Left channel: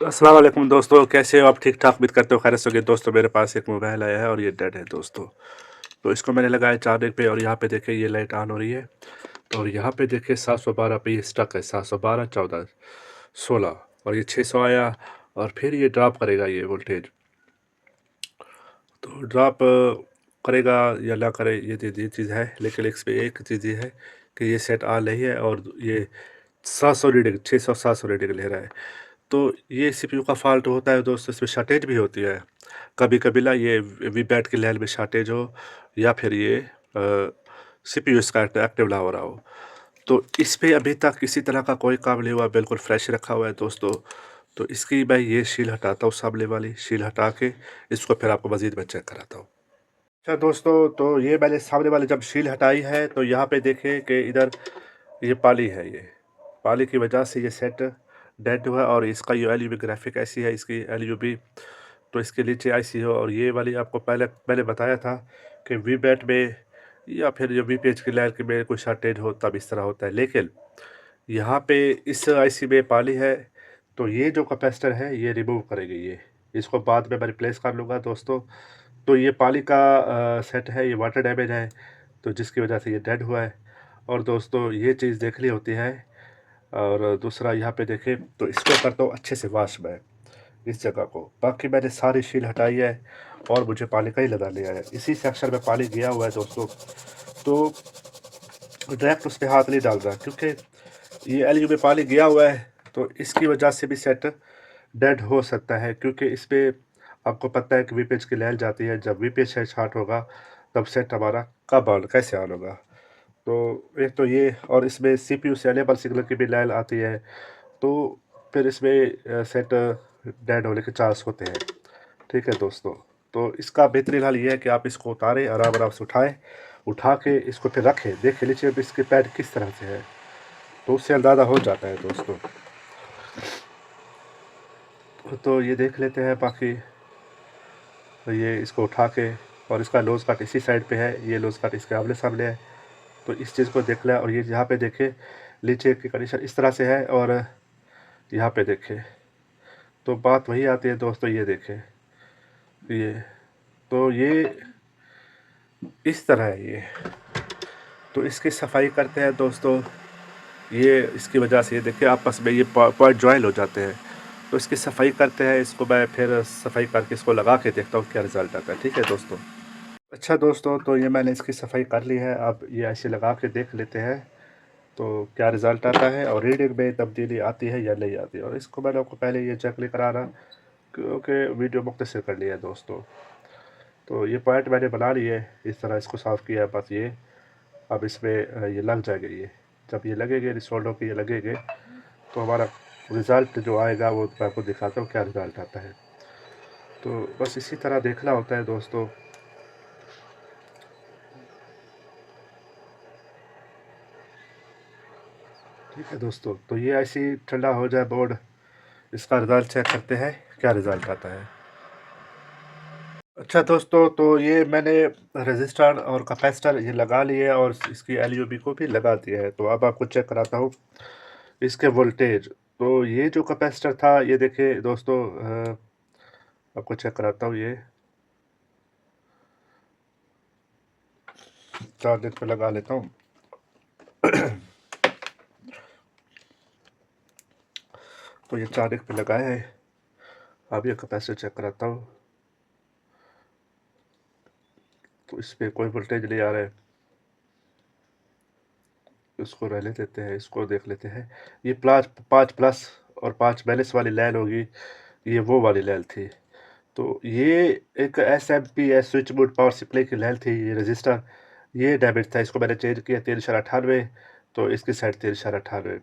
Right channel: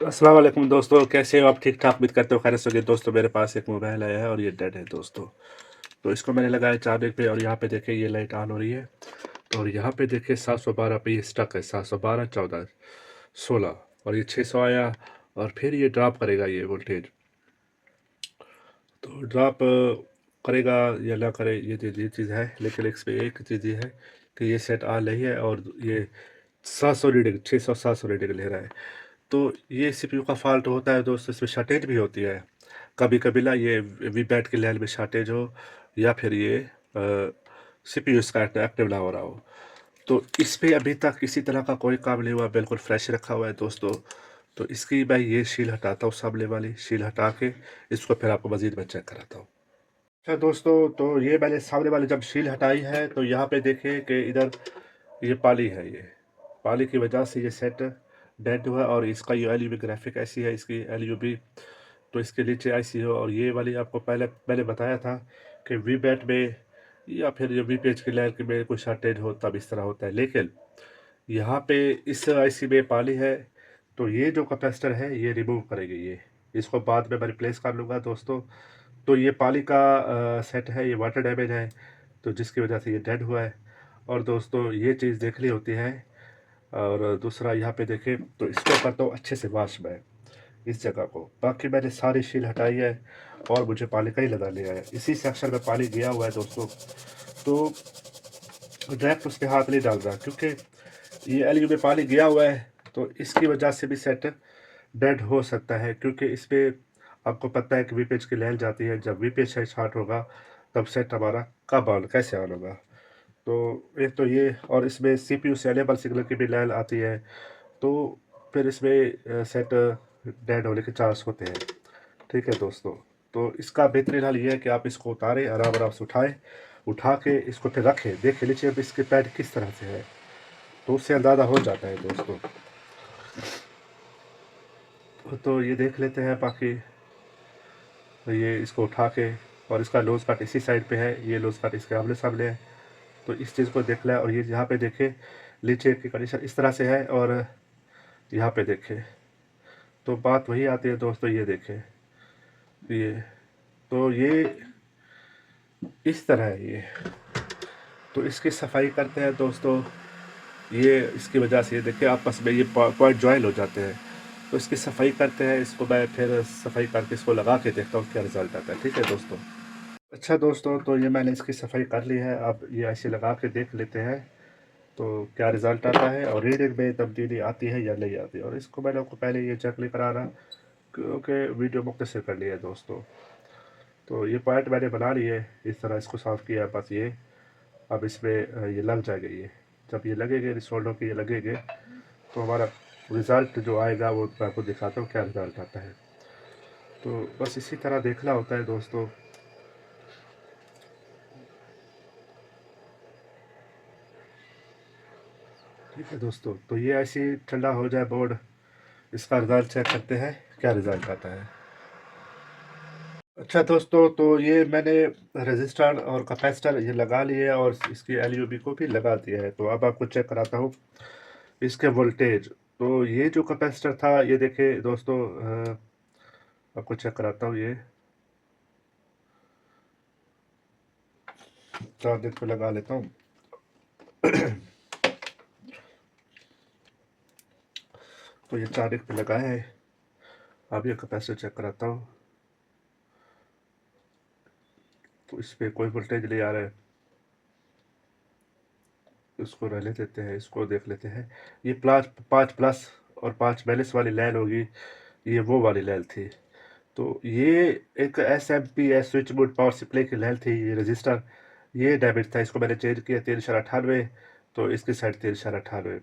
अस्सलाम वालेकुम दोस्तों, कैसे हो आप? ठीक ठाक उम्मीद करते हो खैरियत से होगे। दोस्तों मेरे पास एक मोबाइल आया है और ये डेड है दोस्तों। तो इसको मैंने लगाया चार्जिंग पे और यहाँ पे देखिए ये लाइट ऑन हो रही है। और यहाँ पे देखिए 712 पे ये स्टक है, 712 14 16 और ये 600 आया और फिर ये ड्रॉप करेगा ये वोल्टेज। तो ड्रॉप करेगा या ना करे ये चीज़ है, लेकिन इस पे एक चीज़ ये है कि ये सेट ऑन नहीं है और ये 700 रीडिंग 600 700 रीडिंग ले रहा है। तो ये सीपीयू का फ़ॉल्ट होता है दोस्तों, इसमें शॉर्टेज भी होती है। कभी-कभी ना ये वीपैट के लेवल में शॉर्टेज हो या फिर ये सीपीयू इसका एक्टिव ना हो रहा हो। तो इस पे अभी तक किसी तरह का कोई काम नहीं हुआ, बिल्कुल फ्रेश रखा हुआ है दोस्तों। तो इसकी मैं ये शील हटाता हूँ, सामने वाली शील हटा के इसको फिर आपको मज़ीद मैं चेक कराता हूँ। अच्छा दोस्तों, तो ये मैंने सामने वाली जब शील हटाई है तो यहाँ पे देखें कि इधर ये पाली है, ये पाली की वजह से ये सेट डेड हुआ और इसका ये एलयूबी ग्राफिक ऐसी है, इसकी एलयूबी तो इसके नीचे ऐसी हो। और ये वाली आपको पहले मैंने बताया था कि वी बैट में या फिर जो वी पेज की लाइन के में कोई शॉर्टेज हो तब इस तरह होता है, लेकिन यहाँ पे इस आईसी में पाली है। तो ये जो कैपेसिटर है ये रिमूव करेगी, ये इसको बाद में मैं रिप्लेस कर लूँगा दोस्तों। तो ये पाली का सेट है, ये वाटर डैमेज है, तो जिसकी वजह से ये डेड हुआ है। और दोस्तों ये चीज़ देखनी होती है। और दूसरा यहाँ पे देखें तो इसको करता हूँ अच्छे से वॉश मैं इस जगह को। बाकी मैंने सारी शील हटाई है और मुझे पानी का ही लगा लिया है। इसी सेक्शन में पानी गया हुआ है दोस्तों, तो डायरेक्ट उस पे हाथ नहीं डाल रहा क्योंकि ये एलयू में पानी गया हुआ है। तो इसकी वजह से भी सेट डेड हो सकता है, क्योंकि इस पे आपको पता है कि वी पेज की लहर जाती है। जब वी पेज स्टार्ट होगा तब सेट हमारा कब ऑन कैसे ऑन होगा। तो एक तो ये, और इसमें सीपीयू से एनेबल सिग्नल की भी लहर आती है, तो फिर इसमें सेट डेड होने के चांस होते हैं। ठीक है दोस्तों, तो इसका बेहतरीन हल ये है कि आप इसको उतारें, आराम आराम से उठाएं, उठा के इसको फिर रखें, देख लीजिए अब इसके पैड किस तरह से है, तो उससे अंदाज़ा हो जाता है दोस्तों। तो ये देख लेते हैं। बाकी तो ये इसको उठा के, और इसका लोज कट इसी साइड पे है, ये लोज कट इसके आमने सामने है। तो इस चीज़ को देख लें। और ये यहाँ पे देखें नीचे की कंडीशन इस तरह से है, और यहाँ पे देखें तो बात वही आती है दोस्तों। ये देखें ये, तो ये इस तरह है ये। तो इसकी सफाई करते हैं दोस्तों। ये इसकी वजह से ये देखिए आपस में ये पॉइंट ज्वाइन हो जाते हैं। तो इसकी सफाई करते हैं, इसको मैं फिर सफाई करके इसको लगा के देखता हूँ क्या रिज़ल्ट आता है। ठीक है दोस्तों। अच्छा दोस्तों, तो ये मैंने इसकी सफाई कर ली है, अब ये ऐसे लगा के देख लेते हैं तो क्या रिज़ल्ट आता है और रीडिंग में तब्दीली आती है या नहीं आती। और इसको मैंने आपको पहले ये चेक नहीं करा रहा क्योंकि वीडियो मुख्तसर कर लिया है दोस्तों। तो ये पॉइंट मैंने बना लिए, इस तरह इसको साफ़ किया है। बस ये अब इसमें ये लग जाएगा। ये जब ये लगेंगे रिसोल्डो के ये लगेंगे तो हमारा रिज़ल्ट जो आएगा वो मैं आपको दिखाता हूँ क्या रिज़ल्ट आता है। तो बस इसी तरह देखना होता है दोस्तों। ठीक है दोस्तों, तो ये ऐसे ही ठंडा हो जाए बोर्ड, इसका रिज़ल्ट चेक करते हैं क्या रिज़ल्ट आता है। अच्छा दोस्तों, तो ये मैंने रजिस्टर और कैपेसिटर ये लगा लिए और इसकी एलयूबी को भी लगा दिया है। तो अब आपको चेक कराता हूँ इसके वोल्टेज। तो ये जो कैपेसिटर था ये देखिए दोस्तों, आपको चेक कराता हूँ। ये चार्जर पे लगा लेता हूँ। तो ये चार्जर पे लगाया है। अब ये कैपेसिटर चेक कराता हूँ, तो इस पर कोई वोल्टेज नहीं आ रहा है। इसको रहने देते हैं, इसको देख लेते हैं। ये 5 प्लस और 5 माइनस वाली लाइन होगी, ये वो वाली लाइन थी। तो ये एक SMP switch board power supply की लाइन थी। ये रजिस्टर ये डैमेज था, इसको मैंने चेंज किया 398, तो इसकी साइड 398।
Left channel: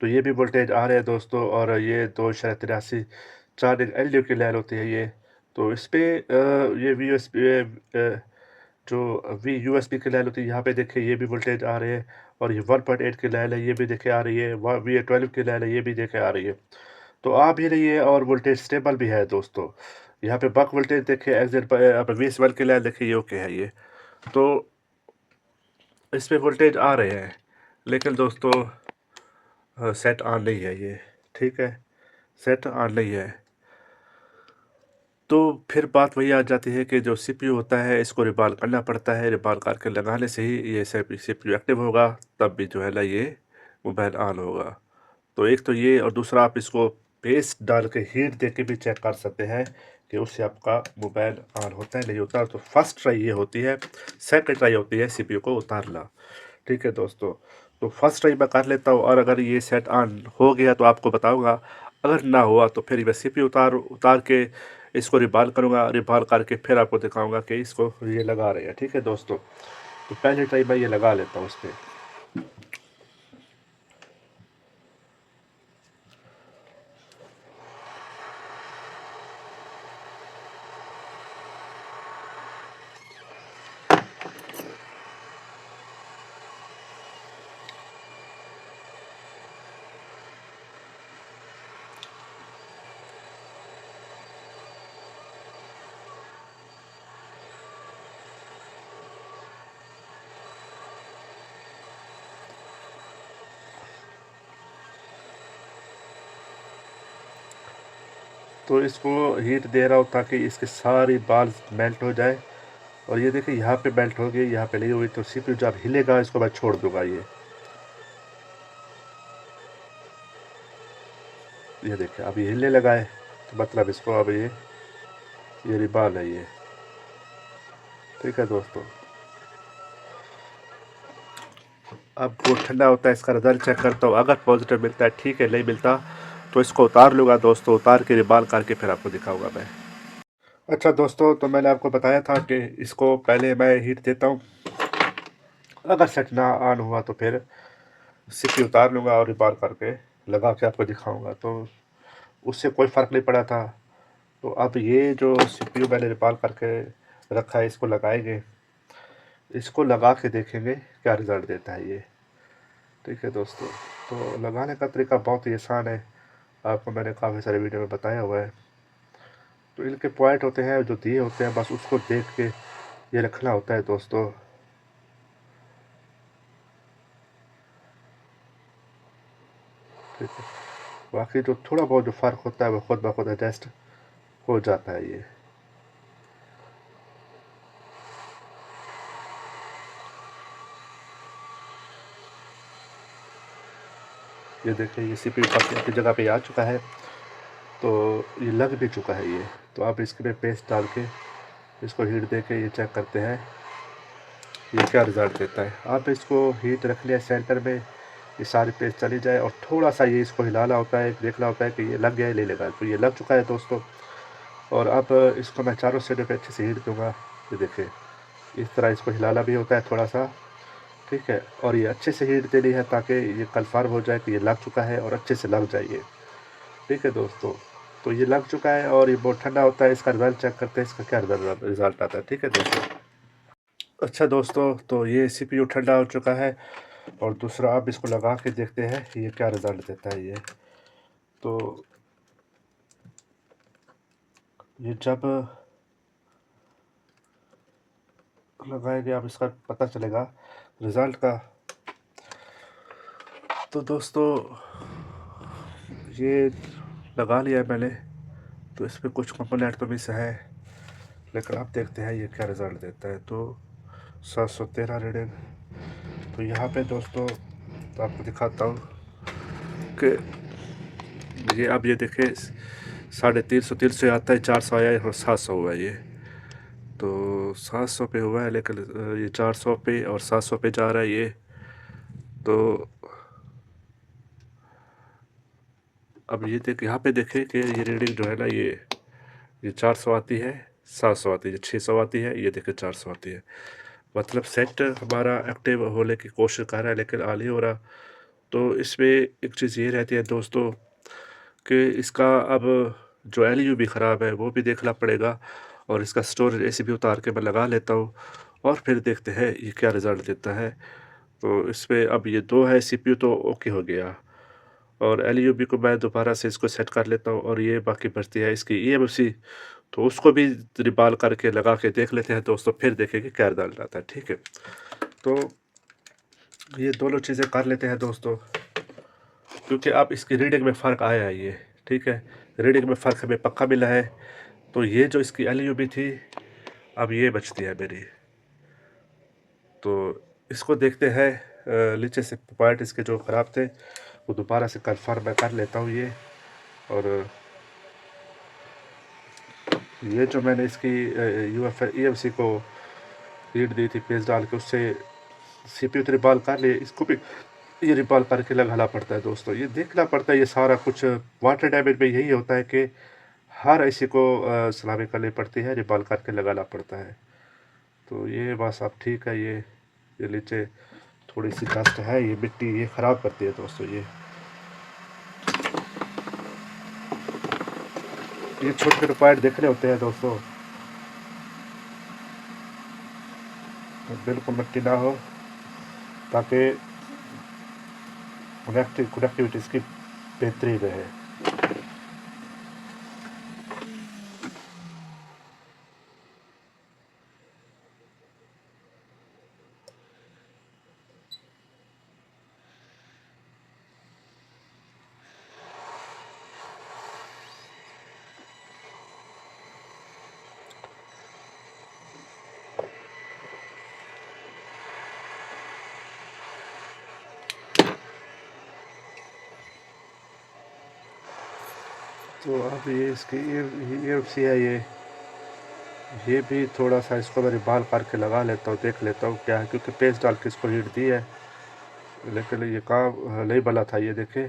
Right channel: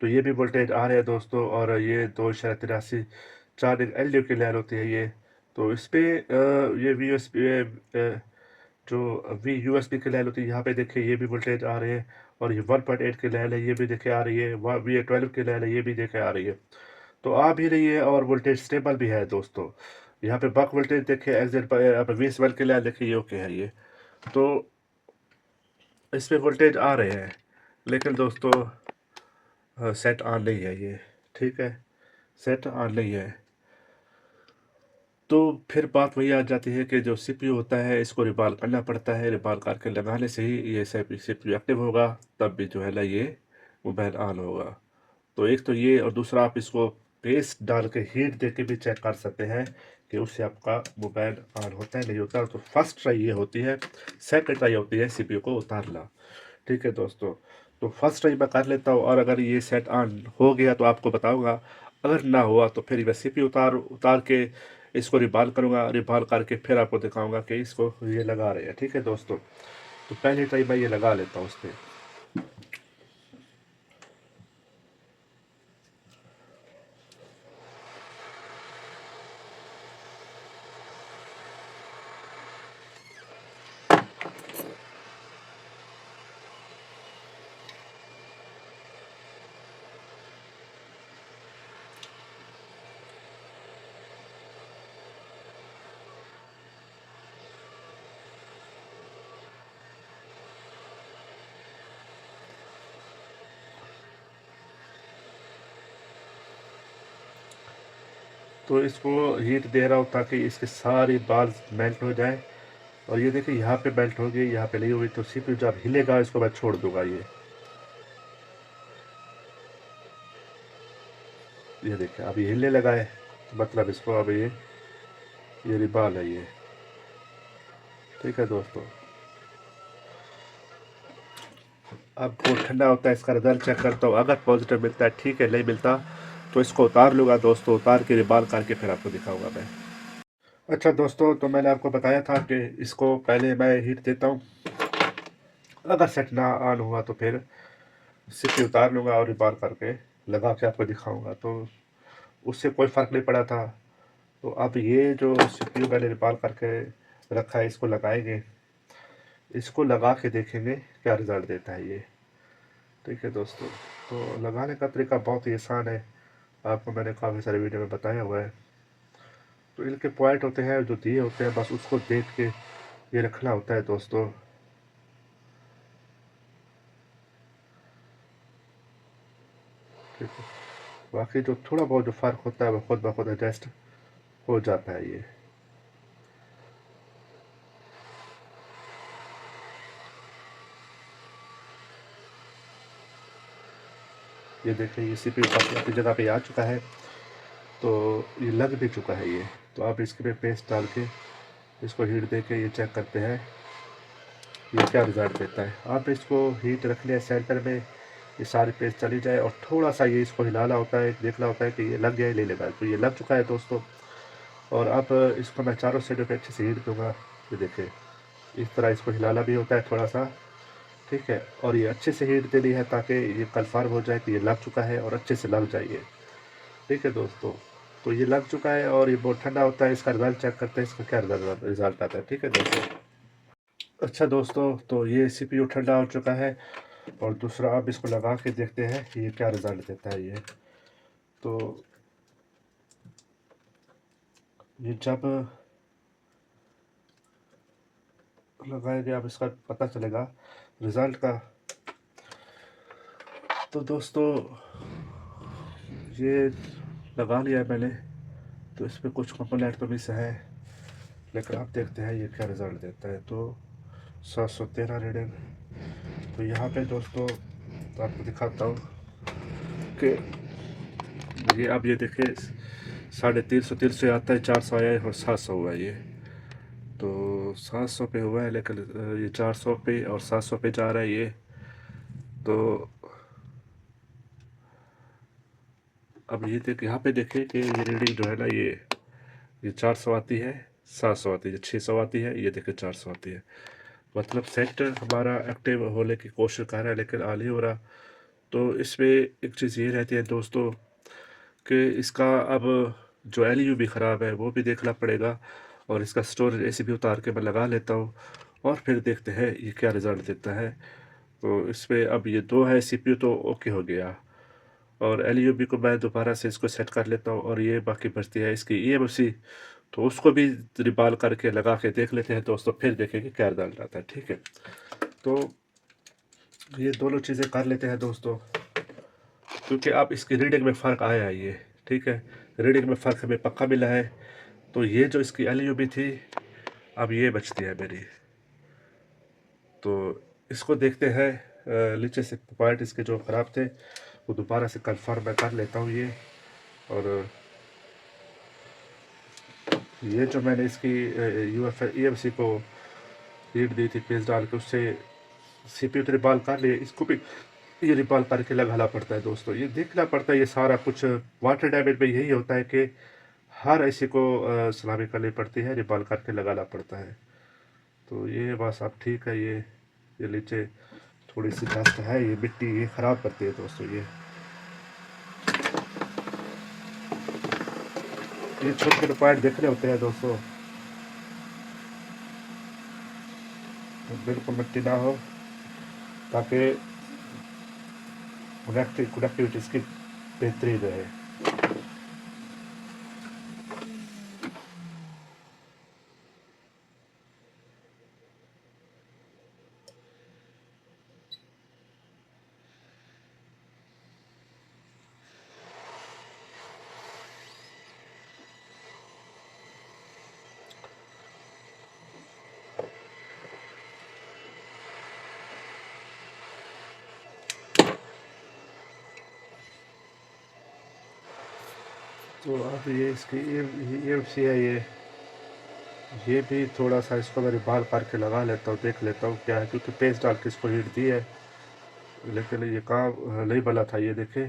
तो ये भी वोल्टेज आ रहे हैं दोस्तों। और ये 283 चार्जिंग एलयू की लाइन होती है ये। तो इस पे ये जो वी USB की लाइन होती है, यहाँ पे देखिए ये भी वोल्टेज आ रहे हैं। और ये 1.8 की लाइन है, ये भी देखे आ रही है। V12 की लाइन है, ये भी देखे आ रही है। तो आ भी रही है और वोल्टेज स्टेबल भी है दोस्तों। यहाँ पे बक वोल्टेज देखिए एग्जिट पर, यहाँ पे 20 वोल्ट के लिए देखिए ये ओके है ये। तो इस पे वोल्टेज आ रहे हैं, लेकिन दोस्तों सेट ऑन नहीं है ये। ठीक है, सेट ऑन नहीं है। तो फिर बात वही आ जाती है कि जो सीपीयू होता है इसको रिकॉल करना पड़ता है, रिकॉल करके लगाने से ही ये सीपीयू एक्टिव होगा, तब भी जो है ना ये मोबाइल ऑन होगा। तो एक तो ये, और दूसरा आप इसको पेस्ट डाल के हीट दे के भी चेक कर सकते हैं कि उससे आपका मोबाइल ऑन होता है नहीं होता। तो फर्स्ट ट्राई ये होती है, सेकंड ट्राई होती है सीपीयू को उतारना। ठीक है दोस्तों, तो फर्स्ट ट्राई मैं कर लेता हूँ और अगर ये सेट ऑन हो गया तो आपको बताऊंगा, अगर ना हुआ तो फिर मैं सीपीयू उतार उतार के इसको रिबाल करूँगा, रिबाल करके फिर आपको दिखाऊंगा कि इसको ये लगा रहे हैं। ठीक है दोस्तों, तो पहले ट्राई मैं ये लगा लेता हूँ उस पर। तो इसको हीट दे रहा हूँ ताकि इसके सारी बाल मेल्ट हो जाए। और ये देखिए यहाँ पे मेल्ट हो गई, यहाँ पे नहीं हुई, तो सीपीयू जब हिलेगा इसको मैं छोड़ दूंगा। ये देखिए अभी हिलने लगा है, तो मतलब इसको अब ये रिबाल है ये। ठीक है दोस्तों, अब वो ठंडा होता है इसका रिजल्ट चेक करता हूँ, अगर पॉजिटिव मिलता है ठीक है, नहीं मिलता तो इसको उतार लूँगा दोस्तों, उतार के रिबाल करके फिर आपको दिखाऊंगा मैं। अच्छा दोस्तों, तो मैंने आपको बताया था कि इसको पहले मैं हीट देता हूँ, अगर सेट ना ऑन हुआ तो फिर सीपी उतार लूँगा और रिबाल करके लगा के आपको दिखाऊंगा। तो उससे कोई फ़र्क नहीं पड़ा था। तो अब ये जो सीपीयू मैंने रिबाल करके रखा है इसको लगाएंगे, इसको लगा के देखेंगे क्या रिज़ल्ट देता है ये। ठीक है दोस्तों, तो लगाने का तरीका बहुत ही आसान है, आपको मैंने काफ़ी सारे वीडियो में बताया हुआ है। तो इनके पॉइंट होते हैं जो दिए होते हैं, बस उसको देख के ये रखना होता है दोस्तों। ठीक है, बाकी जो थोड़ा बहुत जो फ़र्क होता है वो खुद ब खुद एडजस्ट हो जाता है ये देखिए ये सीपीयू की जगह पे आ चुका है, तो ये लग भी चुका है ये। तो आप इसके पे पेस्ट डाल के इसको हीट दे के ये चेक करते हैं ये क्या रिज़ल्ट देता है। आप इसको हीट रख लिया सेंटर में, ये सारी पेस्ट चली जाए और थोड़ा सा ये इसको हिलाना होता है, देखना होता है कि ये लग गया है नहीं लगा। तो ये लग चुका है दोस्तों, और अब इसको मैं चारों साइडों पे अच्छे से हीट दूंगा। ये देखिए इस तरह इसको हिलाना भी होता है थोड़ा सा। ठीक है, और ये अच्छे से हीट देनी है ताकि ये कन्फर्म हो जाए कि ये लग चुका है और अच्छे से लग जाइए। ठीक है दोस्तों, तो ये लग चुका है और ये बहुत ठंडा होता है। इसका रिजल्ट चेक करते हैं, इसका क्या रिजल्ट आता है। ठीक है दोस्तों, अच्छा दोस्तों, तो ये सीपीयू ठंडा हो चुका है, और दूसरा आप इसको लगा के देखते हैं कि ये क्या रिज़ल्ट देता है ये। तो ये जब लगाएंगे आप इसका पता चलेगा रिज़ल्ट का। तो दोस्तों ये लगा लिया है मैंने, तो इस पर कुछ कंपोनेंट तो मिस है, लेकिन आप देखते हैं ये क्या रिज़ल्ट देता है। तो 713 रीडिंग। तो यहाँ पे दोस्तों तो आपको दिखाता हूँ कि ये अब ये देखें 350 300 आता है, 400 आया है और 700 हुआ है ये। तो 700 पे हुआ है, लेकिन ये 400 पे और 700 पे जा रहा है ये। तो अब ये देख, यहाँ पे देखें कि ये रीडिंग जो है ना ये 400 आती है, 700 आती है, 600 आती है, ये देखें 400 आती है। मतलब सेट हमारा एक्टिव होने की कोशिश कर रहा है लेकिन आ नहीं हो रहा। तो इसमें एक चीज़ ये रहती है दोस्तों कि इसका अब जो एलयू भी ख़राब है वो भी देखना पड़ेगा, और इसका स्टोरेज ऐसे भी उतार के मैं लगा लेता हूँ और फिर देखते हैं ये क्या रिज़ल्ट देता है। तो इसमें अब ये दो है सीपीयू तो ओके हो गया, और एलयूबी को मैं दोबारा से इसको सेट कर लेता हूँ, और ये बाकी बचती है इसकी ईएमसी, तो उसको भी रिबाल करके लगा के देख लेते हैं दोस्तों, फिर देखेंगे क्या रिजल्ट आता है। ठीक है, तो ये दोनों चीज़ें कर लेते हैं दोस्तों, क्योंकि अब इसकी रीडिंग में फ़र्क आया है ये। ठीक है, रीडिंग में फ़र्क हमें पक्का मिला है। तो ये जो इसकी एलईडी थी, अब ये बचती है मेरी। तो इसको देखते हैं, नीचे से पार्ट इसके जो ख़राब थे वो दोबारा से कन्फर्म मैं कर लेता हूँ ये। और ये जो मैंने इसकी ईएमसी को लीड दी थी पेस्ट डाल के, उससे सीपीयू तो रिबॉल कर लिए, इसको भी ये रिबॉल करके लगाना पड़ता है दोस्तों। ये देखना पड़ता है, ये सारा कुछ वाटर डैमेज में यही होता है कि हर ऐसी को सलामी करनी पड़ती है, रिबॉल करके लगाना पड़ता है। तो ये बस अब ठीक है। ये नीचे थोड़ी सी डस्ट है, ये मिट्टी ये ख़राब करती है दोस्तों। ये छोटे छोटे पॉइंट देखने होते हैं दोस्तों, बिल्कुल मिट्टी ना हो, ताकि कनेक्टिविटी इसकी बेहतरीन रहे। तो अब ये इसकी ये सी है, ये भी थोड़ा सा इसको मैं बाल करके लगा लेता हूँ, देख लेता हूँ क्या है, क्योंकि पेस्ट डाल के इसको हीट दी है, लेकिन ये काम नहीं बना था। ये देखे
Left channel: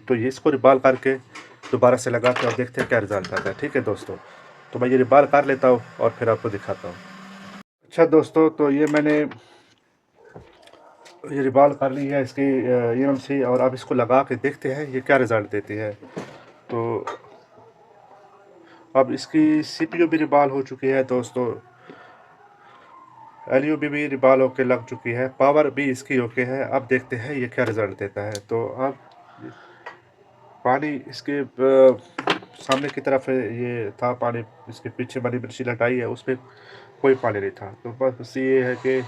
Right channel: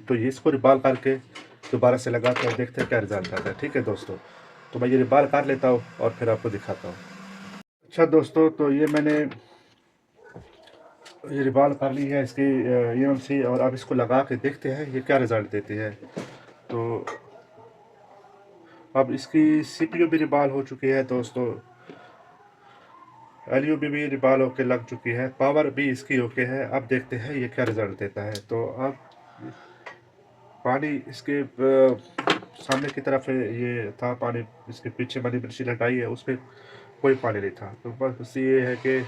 तो ये इसको रिबाल करके दोबारा से लगाते हैं और देखते हैं क्या रिजल्ट आता है। ठीक है दोस्तों, तो मैं ये रिबाल कर लेता हूँ और फिर आपको दिखाता हूँ। अच्छा दोस्तों, तो ये मैंने ये रिबाल कर ली है इसकी ईएमसी, और अब इसको लगा के देखते हैं ये क्या रिज़ल्ट देती है। तो अब इसकी सीपीयू भी रिबाल हो चुकी है दोस्तों, एलयू भी रिबाल होके लग चुकी है, पावर भी इसकी ओके है। अब देखते हैं ये क्या रिज़ल्ट देता है। तो अब पानी इसके सामने की तरफ ये था पानी, इसके पीछे वाली मशीन हटाई है, उसमें कोई पानी नहीं था। तो बस ये है कि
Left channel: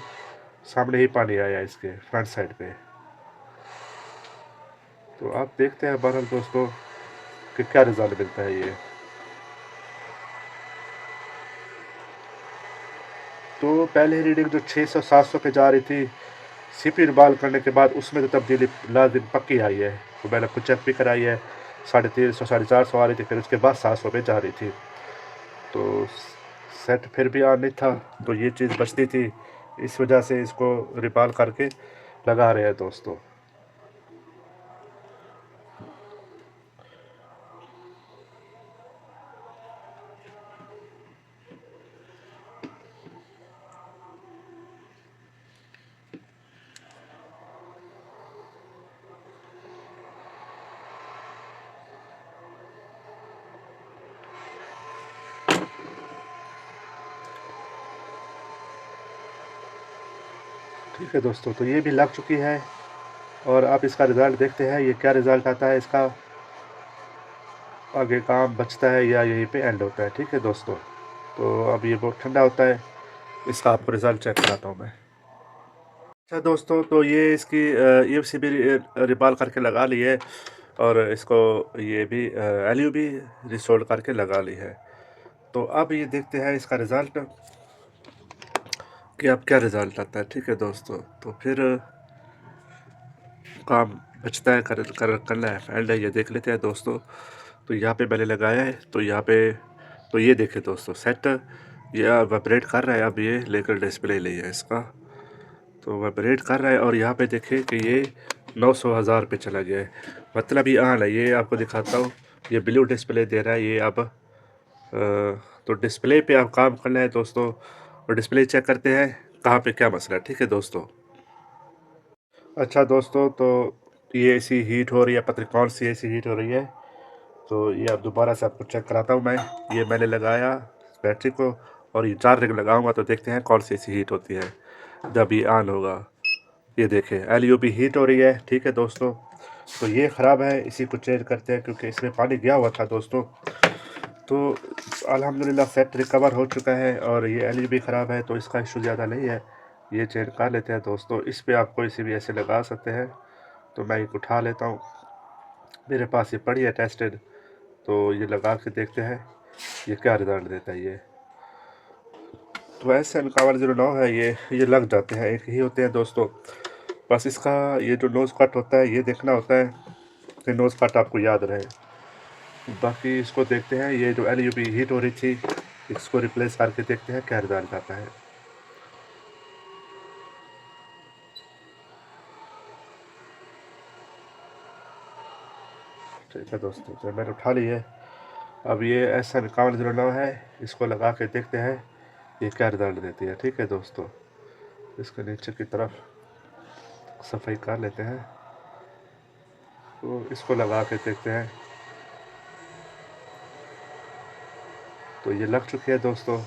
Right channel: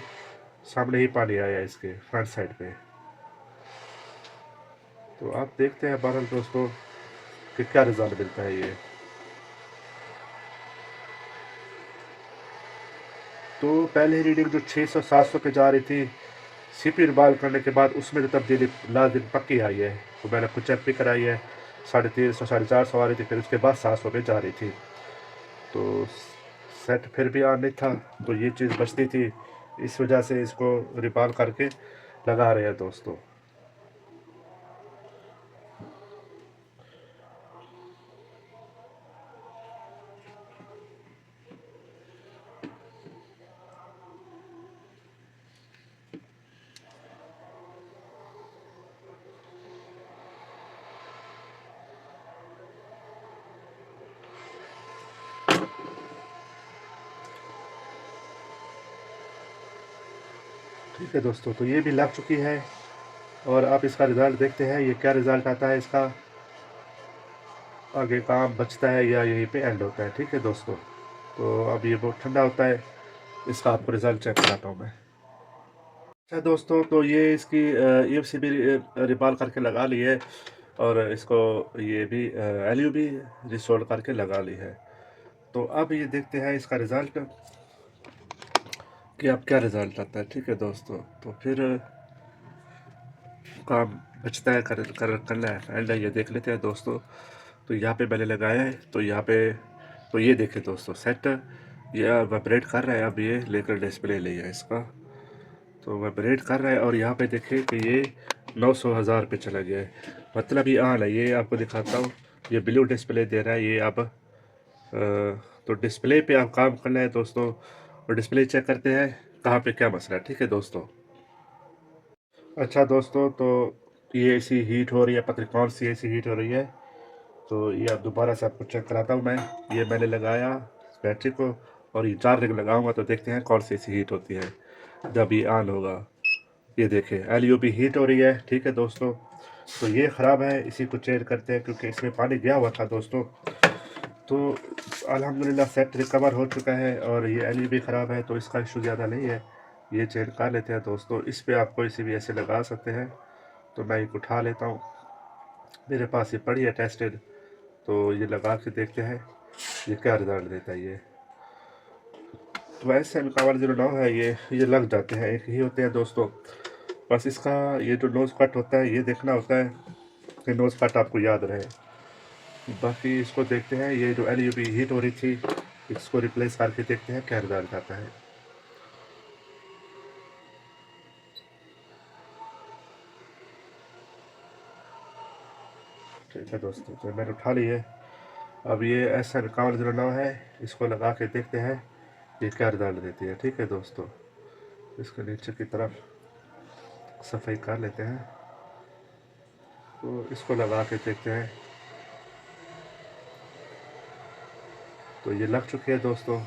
सामने ही पानी आया इसके फ्रंट साइड पे। तो आप देखते हैं बहरहाल दोस्तों कि क्या रिजल्ट मिलता है ये। तो पहले रीडिंग जो 600-700 पे जा रही थी, सीपी रिबाल करने के बाद उसमें तो तब्दीली लाजिम पक्की आई है। तो मैंने खुद चेक भी कराई है, 350 450 आ रही थी, फिर उसके बाद 700 पे जा रही थी। तो सेट फिर भी ऑन नहीं था, तो ये चीज़ बचती थी, इस वजह से इसको रिबाल करके लगा रहे हैं दोस्तों। ठीक है दोस्तों, तो ये भी लग चुकी है, और आप इसका रिज़ल्ट देखते हैं ये क्या रिज़ल्ट आता है इसका। आगे काम बचता है या यहीं पे एंड होता है। ठीक है दोस्तों, तो अब ये बहुत ठंडा होता है, इसका आपको रिज़ल्ट चेक कराता हूँ मैं। अच्छा दोस्तों, तो ये इसकी ईएमसी भी रिबाल करके लगा ली है, और इसको ये भी एलयू भी रिसोल्ड करके लगा ली है। तो अब ये देखते हैं इसका रिज़ल्ट कि अब क्या रिज़ल्ट आता है। ठीक है दोस्तों, तो फिर काम बचता है करना है एंड है, ये देख लेते हैं दोस्तों। तो यहाँ पे मैंने लगाया है, तो यहाँ पे तो ये देखे दोस्तों सेट ये वाइब्रेट कर रहा है। अब ये लेकर डिस्प्ले ले है इसका, तो वाइब्रेट कर रहा है, और यहाँ पे देखे कि ये 900,000 पे चला गया है, मतलब ये ऑन है। ये आपको दिखाता हूँ, ये ब्लू डिस्प्ले दे रहा है ये अब। तो डिस्प्ले पे आप काम करना है दोस्तों, और डिस्प्ले चेक करते हैं कहाँ पे क्या मसला है। ठीक है दोस्तों। अच्छा दोस्तों, तो ये एसी हीट हो रही है, पता नहीं कौन सी एसी हीट हो रही है। तो ये अब दोबारा से आपको चेक कराता हूँ मैं। ये मैंने लगाया बैटरी को, और ये 4 रिंग लगाऊंगा, तो देखते हैं कौन सी एसी हीट होती है जब ये ऑन होगा। ये देखें एलयू भी हीट हो रही है। ठीक है दोस्तों, तो ये ख़राब है, इसी को चेंज करते हैं, क्योंकि इसमें पानी गया हुआ था दोस्तों। तो अल्हम्दुलिल्लाह सेट रिकवर हो चुका है, और ये एलयू भी ख़राब है, तो इसका इशू ज़्यादा नहीं है। ये चेंज कर लेते हैं दोस्तों। इस पर आप कोई सी भी ऐसे लगा सकते हैं। तो मैं एक उठा लेता हूँ, मेरे पास ये पड़ी है टेस्टेड, तो ये लगा के देखते हैं ये क्या रिज़ल्ट देता है ये। तो ऐसे MK109 है, ये लग जाते हैं, एक ही होते हैं दोस्तों। बस इसका ये जो नोज़ कट होता है ये देखना होता है कि नोज़ कट आपको याद रहे। बाकी इसको देखते हैं, ये जो LUB हीट हो रही थी इसको रिप्लेस करके देखते हैं क्या रिज़ल्ट आता है। ठीक है दोस्तों, तो मैंने उठा ली है। अब ये SN5109 है, इसको लगा के देखते हैं ये क्या रिज़ल्ट देती है। ठीक है दोस्तों, इसके नीचे की तरफ सफाई कर लेते हैं, तो इसको लगा के देखते हैं। तो ये लग चुकी है दोस्तों,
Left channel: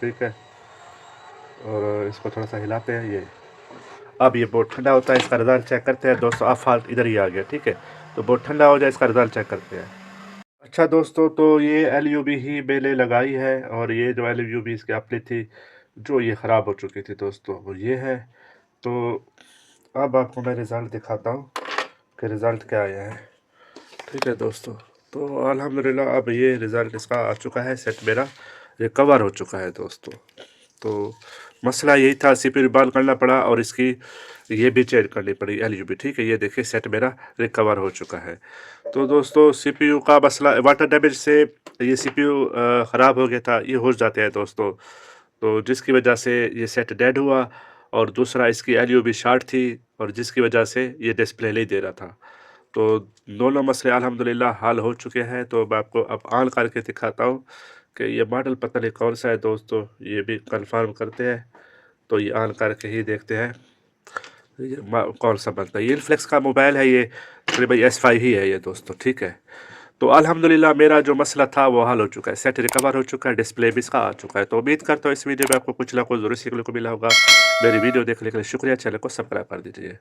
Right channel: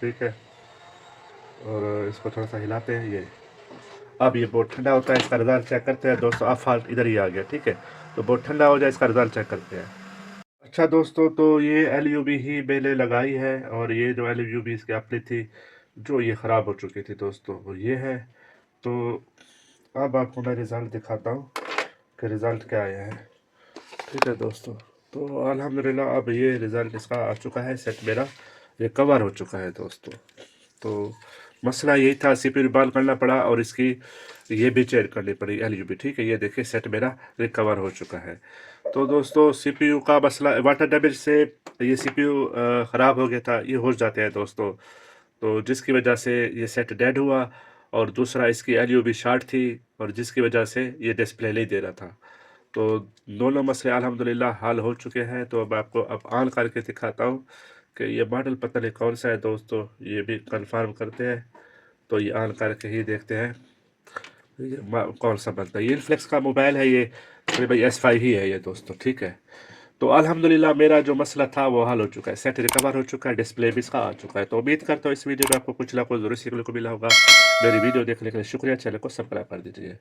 ठीक है। और इसको थोड़ा सा हिलाते हैं ये। अब ये बहुत ठंडा होता है, इसका रिज़ल्ट चेक करते हैं दोस्तों। अब फाल्ट इधर ही आ गया, ठीक है। तो बहुत ठंडा हो जाए, इसका रिज़ल्ट चेक करते हैं। अच्छा दोस्तों, तो ये LUB ही मैंने लगाई है, और ये जो LUB इसकी अपनी थी जो ये ख़राब हो चुकी थी दोस्तों, वो ये है। तो अब आपको मैं रिज़ल्ट दिखाता हूँ कि रिज़ल्ट क्या आया है। ठीक है दोस्तों, तो अल्हम्दुलिल्लाह अब ये रिज़ल्ट इसका आ चुका है, सेट मेरा रिकवर हो चुका है दोस्तों। तो मसला यही था, CPU रिबॉल करना पड़ा और इसकी ये भी चेंज करनी पड़ी LUB। ठीक है, ये देखिए सेट मेरा रिकवर हो चुका है। तो दोस्तों CPU का मसला वाटर डैमेज से ये CPU ख़राब हो गया था, ये हो जाते हैं दोस्तों। तो जिसकी वजह से ये सेट डेड हुआ, और दूसरा इसकी LUB शॉर्ट थी, और जिसकी वजह से ये डिस्प्ले नहीं दे रहा था। तो दोनों मसले अल्हम्दुलिल्लाह हल हो चुके हैं। तो मैं आपको अब ऑन करके दिखाता हूँ कि ये मॉडल पता नहीं कौन सा है दोस्तों, ये भी कंफर्म करते हैं। तो ये ऑन करके ही देखते हैं ये कौन सा बनता है। ये इन्फ्लेक्स का मोबाइल है, ये तकरीबन S5 ही है ये दोस्तों। ठीक है, तो अल्हम्दुलिल्लाह मेरा जो मसला था वो हल हो चुका है, सेट रिकवर हो चुका है, डिस्प्ले भी इसका आ चुका है। तो उम्मीद करता हूँ इस वीडियो में आपको कुछ ना कुछ ज़रूर सीखने को मिला होगा। मेरी वीडियो देखने के लिए शुक्रिया, चैनल को सब्सक्राइब कर दीजिए।